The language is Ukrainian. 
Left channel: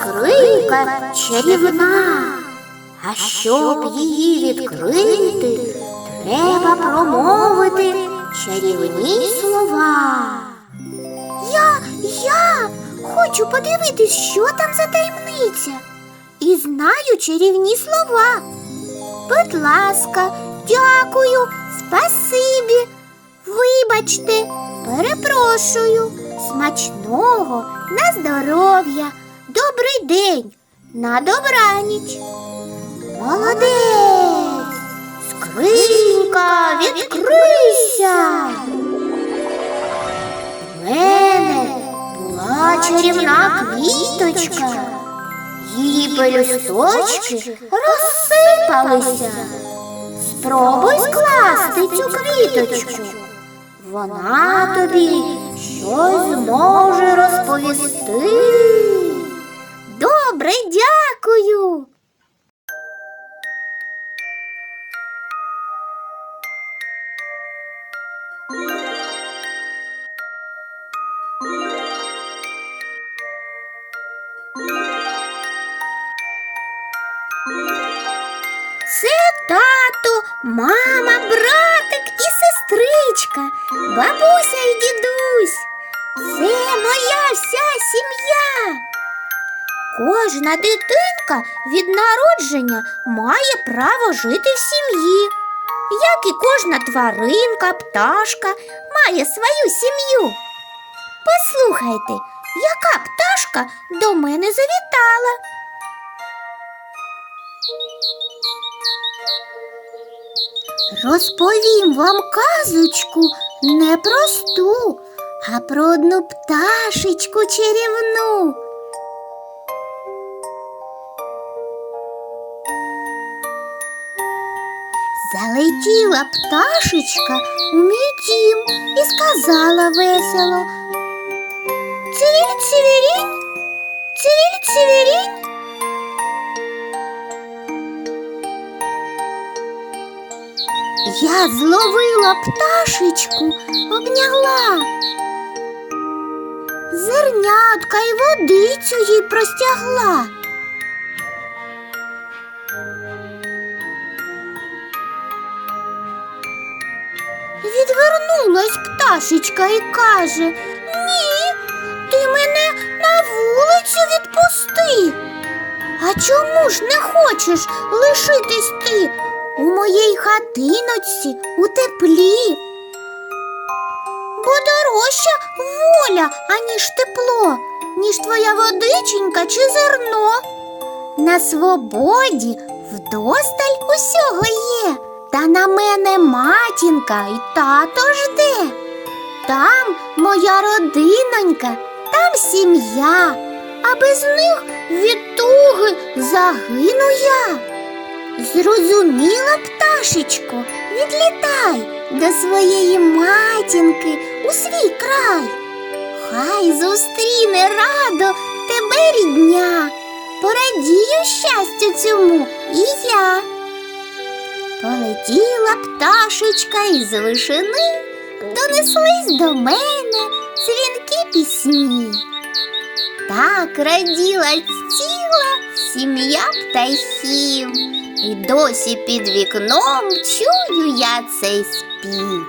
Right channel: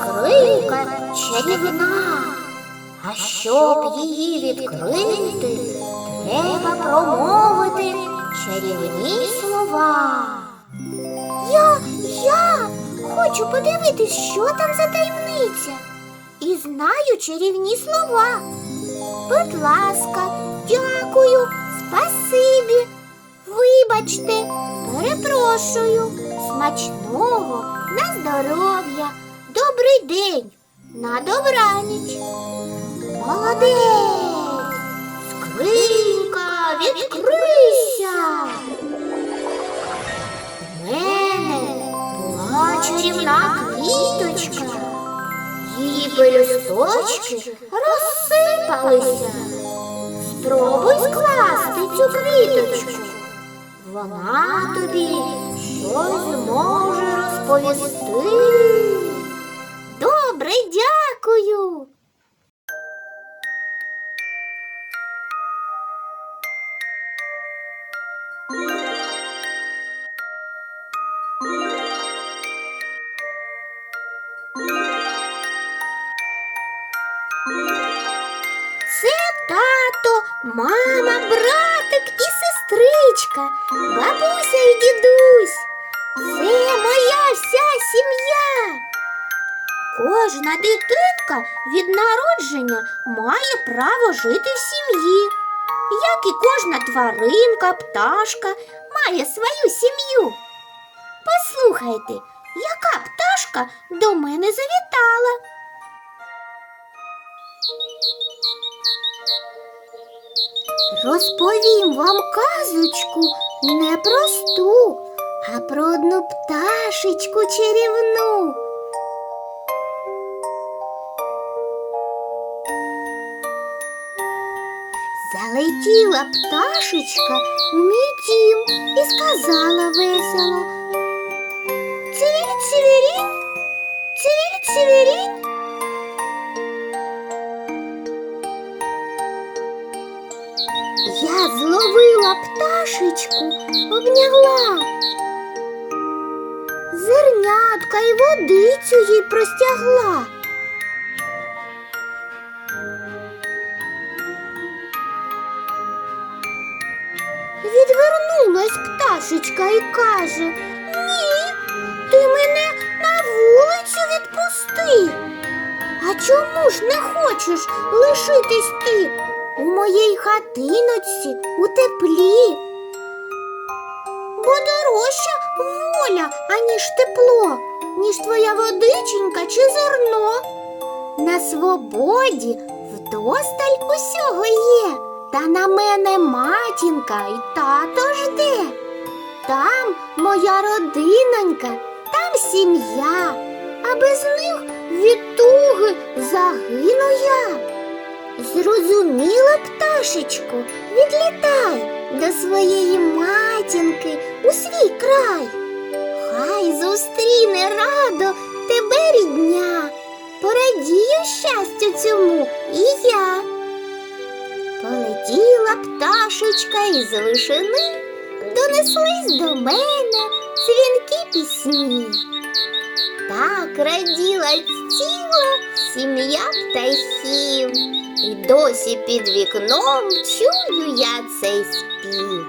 скринька чарівна. А щоб її відкрити, треба промовити чарівні слова. Я, я хочу подивитись, що там за таємниця. І знаю чарівні слова. Будь ласка, дякую, спасибі. Вибачте, перепрошую, смачного, на здоров'я, добрий день, на добраніч. Молодець! Скринька, відкрийся! В мене була чарівна квіточка. Її пелюсточки розсипалися. Спробуй скласти цю квіточку. Вона тобі щось зможе розповісти. Добре, дякую. Це тато, мама, братик і сестричка, бабуся і дідусь. Кожна дитинка від народження має право жити в сім'ї, як і кожна тваринка, пташка має свою сім'ю. Послухайте, яка пташка до мене завітала. Розповім вам казочку не просту, а про одну пташечку чарівну. Залетіла пташечка у мій дім і сказала весело. Цвіль, цвірінь, цвіль, цвірінь. Я зловила пташечку, обняла. Зернятка й водицю їй простягла. Відвернулась пташечка і каже Ні, ти мене на вулицю відпусти. А чому ж не хочеш лишитись ти у моїй хатиночці у теплі? Бо дорожча воля, аніж тепло, ніж твоя водиченька чи зерно. На свободі вдосталь усього є, та на мене матінка і тато жде. Там моя родинонька, там сім'я, а без них від туги загину я. Зрозуміла, пташечко, відлітай до своєї матінки у свій край. Хай зустріне радо тебе рідня, порадію щастю цьому і я. Полетіла пташечка із вишини, донеслись до мене дзвінки пісні. Так раділа ціла сім'я птахів, і досі під вікном чую я цей спів.